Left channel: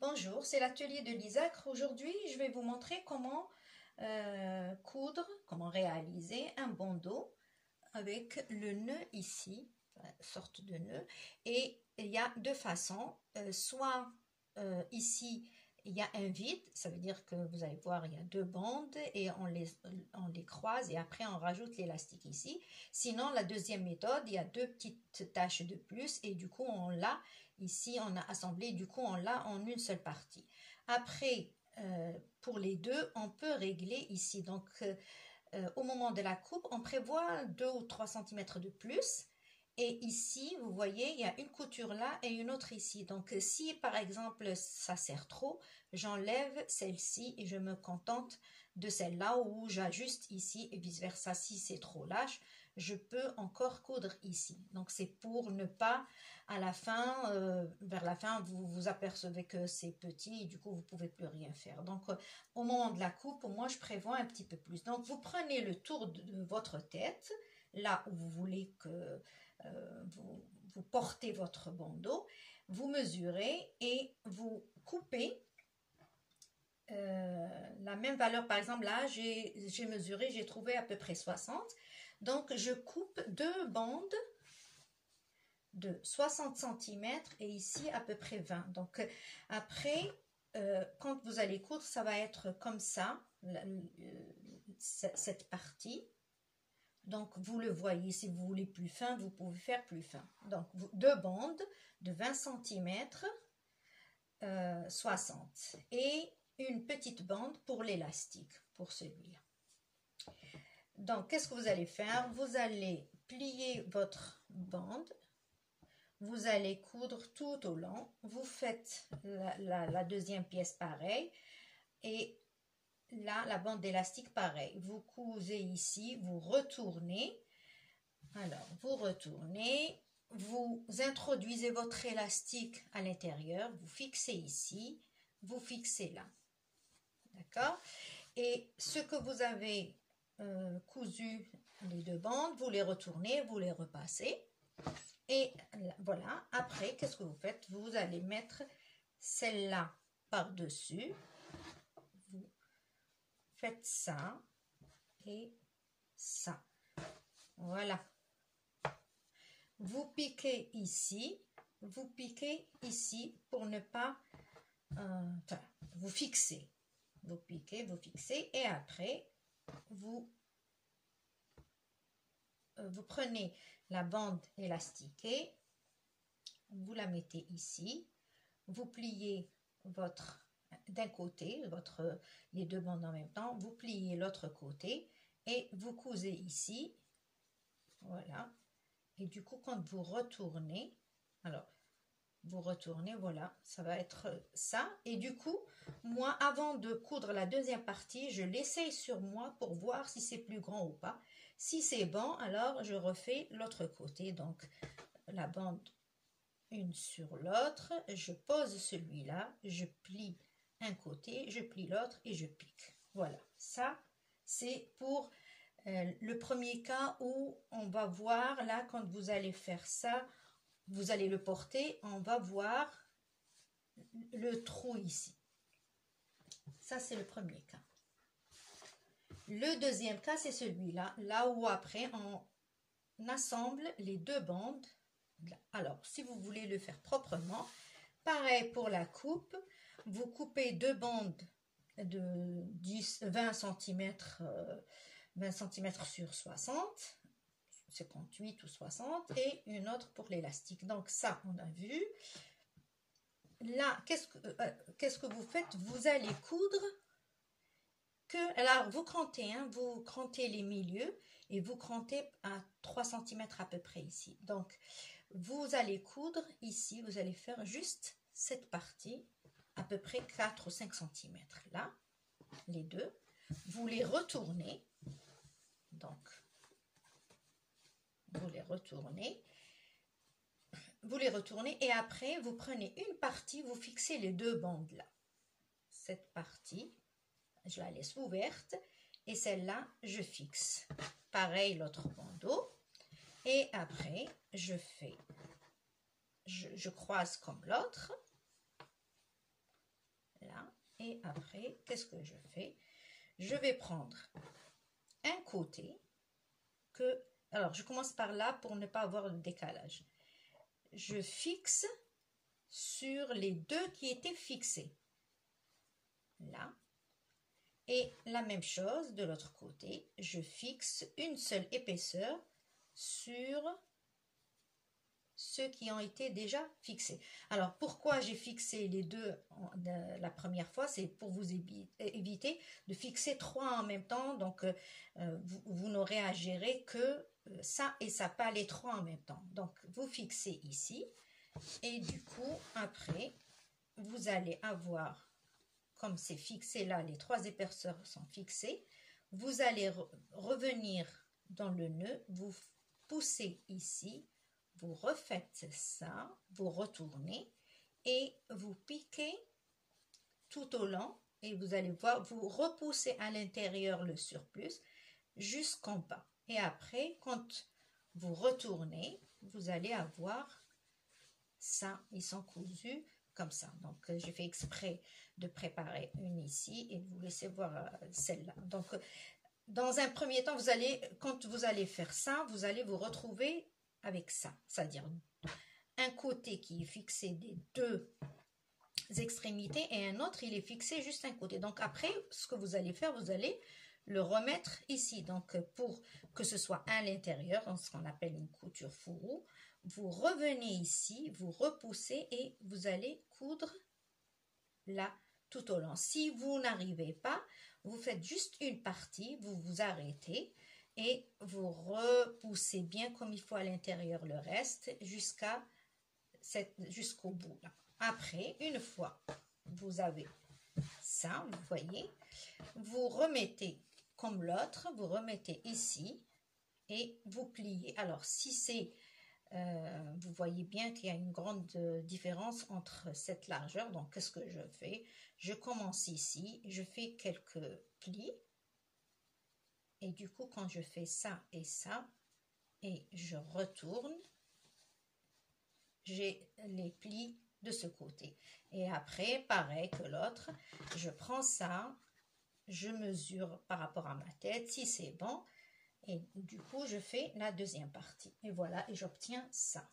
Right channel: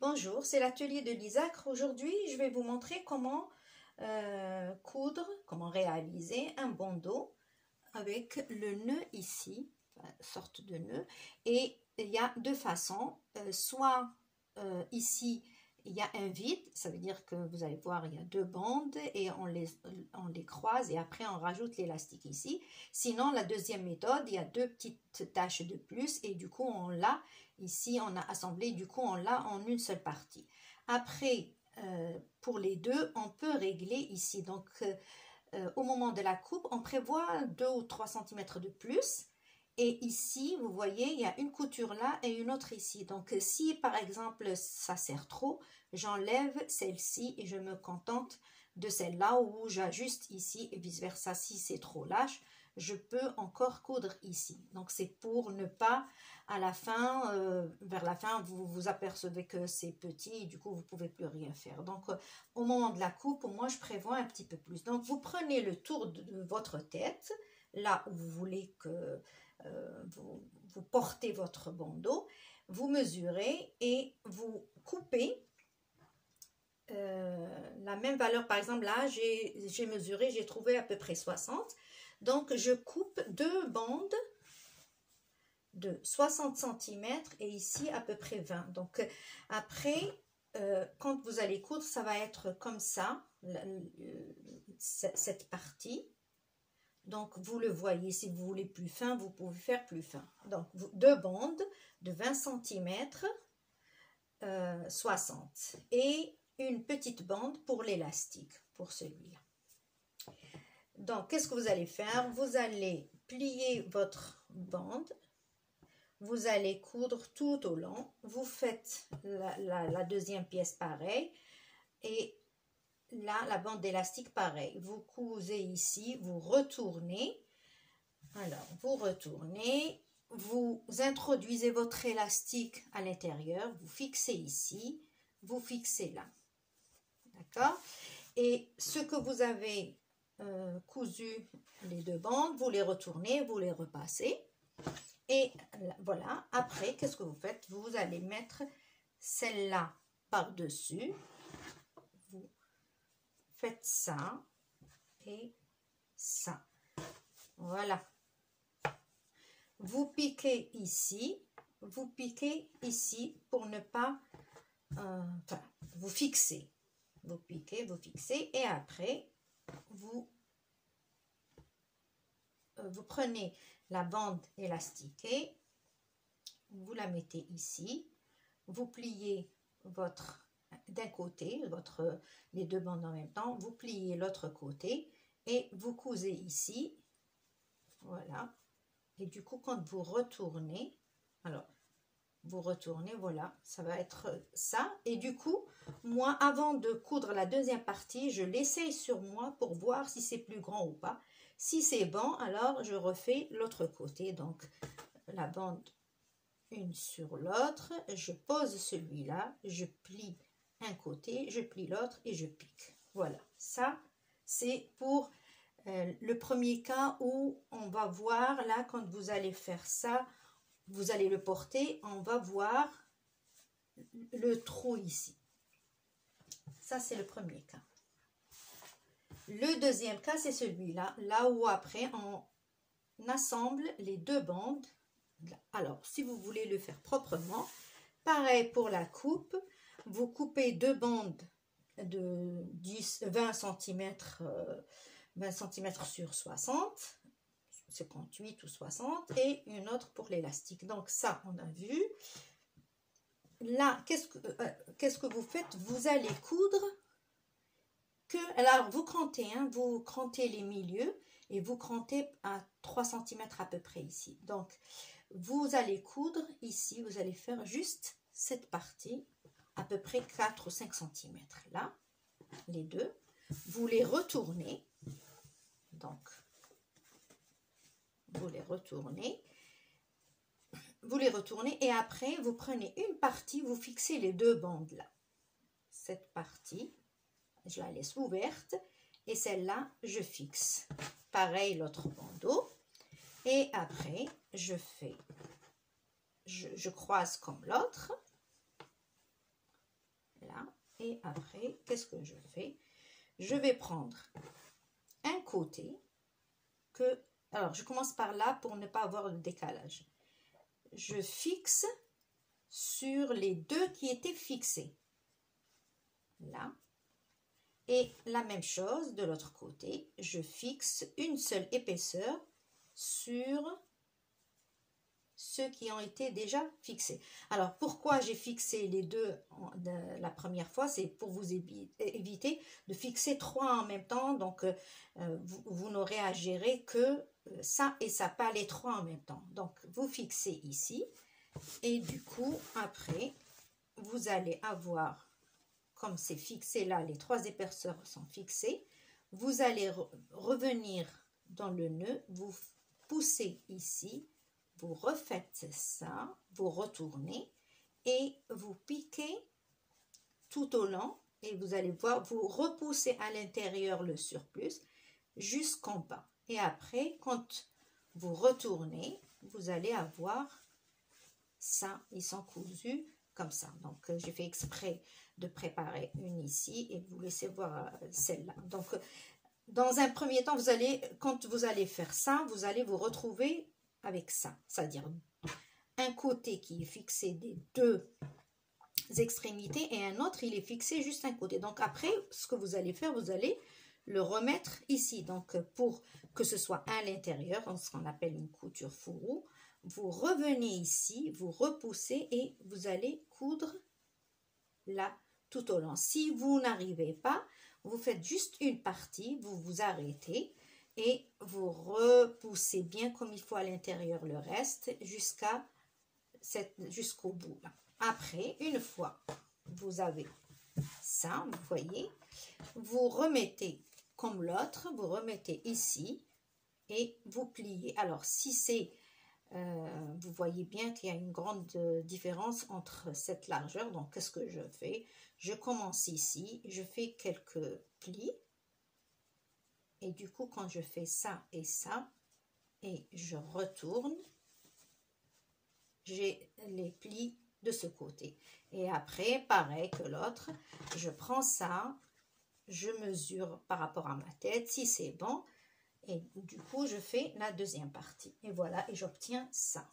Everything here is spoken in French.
Bonjour, c'est l'atelier de l'Isacre. Aujourd'hui, je vais vous montrer comment coudre, comment réaliser un bandeau avec le nœud ici, une sorte de nœud. Et il y a deux façons, soit ici, il y a un vide, ça veut dire que vous allez voir, il y a deux bandes et on les croise et après on rajoute l'élastique ici. Sinon, la deuxième méthode, il y a deux petites taches de plus et du coup, on l'a ici, on a assemblé, du coup, on l'a en une seule partie. Après, pour les deux, on peut régler ici. Donc, au moment de la coupe, on prévoit 2 ou 3 cm de plus. Et ici, vous voyez, il y a une couture là et une autre ici. Donc, si par exemple, ça sert trop, j'enlève celle-ci et je me contente de celle-là où j'ajuste ici et vice-versa. Si c'est trop lâche, je peux encore coudre ici. Donc, c'est pour ne pas, à la fin, vers la fin, vous vous apercevez que c'est petit et du coup, vous ne pouvez plus rien faire. Donc, au moment de la coupe, moi, je prévois un petit peu plus. Donc, vous prenez le tour de votre tête, là où vous voulez que vous portez votre bandeau, vous mesurez et vous coupez la même valeur. Par exemple, là, j'ai mesuré, j'ai trouvé à peu près 60. Donc, je coupe deux bandes de 60 cm et ici à peu près 20. Donc, après, quand vous allez coudre, ça va être comme ça, cette partie. Donc, vous le voyez, si vous voulez plus fin, vous pouvez faire plus fin. Donc, deux bandes de 20 cm, 60. Et une petite bande pour l'élastique, pour celui-là. Donc, qu'est-ce que vous allez faire? Vous allez plier votre bande. Vous allez coudre tout au long. Vous faites la deuxième pièce pareil. Et là, la bande d'élastique, pareil. Vous cousez ici, vous retournez. Alors, vous retournez, vous introduisez votre élastique à l'intérieur, vous fixez ici, vous fixez là. D'accord? Et ce que vous avez cousu, les deux bandes, vous les retournez, vous les repassez. Et voilà, après, qu'est-ce que vous faites? Vous allez mettre celle-là par-dessus. Vous faites ça et ça. Voilà. Vous piquez ici pour ne pas... enfin, vous fixez. Vous piquez, vous fixez et après, vous prenez la bande élastiquée, vous la mettez ici, vous pliez d'un côté, les deux bandes en même temps, vous pliez l'autre côté et vous cousez ici, voilà. Et du coup, quand vous retournez, alors, vous retournez, voilà, ça va être ça. Et du coup, moi, avant de coudre la deuxième partie, je l'essaye sur moi pour voir si c'est plus grand ou pas. Si c'est bon, alors je refais l'autre côté. Donc, la bande une sur l'autre, je pose celui-là, je plie un côté, je plie l'autre et je pique. Voilà, ça, c'est pour le premier cas où on va voir, là, quand vous allez faire ça, vous allez le porter, on va voir le trou ici. Ça, c'est le premier cas. Le deuxième cas, c'est celui-là, là où après, on assemble les deux bandes. Alors, si vous voulez le faire proprement, pareil pour la coupe, vous coupez deux bandes de 20 cm, 20 cm sur 60, 58 ou 60, et une autre pour l'élastique. Donc ça, on a vu. Là, qu'est-ce que vous faites? Vous allez coudre alors vous crantez, hein, vous crantez les milieux et vous crantez à 3 cm à peu près ici. Donc, vous allez coudre ici, vous allez faire juste cette partie, à peu près 4 ou 5 cm. Là, les deux, vous les retournez. Donc, vous les retournez et après vous prenez une partie, vous fixez les deux bandes là. Cette partie, je la laisse ouverte et celle-là, je fixe. Pareil l'autre bandeau et après je croise comme l'autre Et après, qu'est-ce que je fais? Je vais prendre un côté que... Alors, je commence par là pour ne pas avoir le décalage. Je fixe sur les deux qui étaient fixés. Là. Et la même chose de l'autre côté. Je fixe une seule épaisseur sur ceux qui ont été déjà fixés. Alors, pourquoi j'ai fixé les deux la première fois? C'est pour vous éviter de fixer trois en même temps. Donc, vous n'aurez à gérer que ça et ça, pas les trois en même temps. Donc, vous fixez ici. Et du coup, après, vous allez avoir, comme c'est fixé là, les trois épaisseurs sont fixées. Vous allez revenir dans le nœud, vous poussez ici. Vous refaites ça, vous retournez et vous piquez tout au long et vous allez voir, vous repoussez à l'intérieur le surplus jusqu'en bas. Et après, quand vous retournez, vous allez avoir ça, ils sont cousus comme ça. Donc, j'ai fait exprès de préparer une ici et de vous laisser voir celle-là. Donc, dans un premier temps, quand vous allez faire ça, vous allez vous retrouver avec ça, c'est-à-dire un côté qui est fixé des deux extrémités et un autre il est fixé juste un côté. Donc après, ce que vous allez faire, vous allez le remettre ici. Donc pour que ce soit à l'intérieur, ce qu'on appelle une couture fourreau, vous revenez ici, vous repoussez et vous allez coudre là tout au long. Si vous n'arrivez pas, vous faites juste une partie, vous vous arrêtez et vous repoussez bien comme il faut à l'intérieur le reste jusqu'au bout. Là. Après, une fois vous avez ça, vous voyez, vous remettez comme l'autre, vous remettez ici et vous pliez. Alors, si c'est, vous voyez bien qu'il y a une grande différence entre cette largeur. Donc, qu'est-ce que je fais? Je commence ici, je fais quelques plis. Et du coup, quand je fais ça, et je retourne, j'ai les plis de ce côté. Et après, pareil que l'autre, je prends ça, je mesure par rapport à ma tête, si c'est bon, et du coup, je fais la deuxième partie. Et voilà, et j'obtiens ça.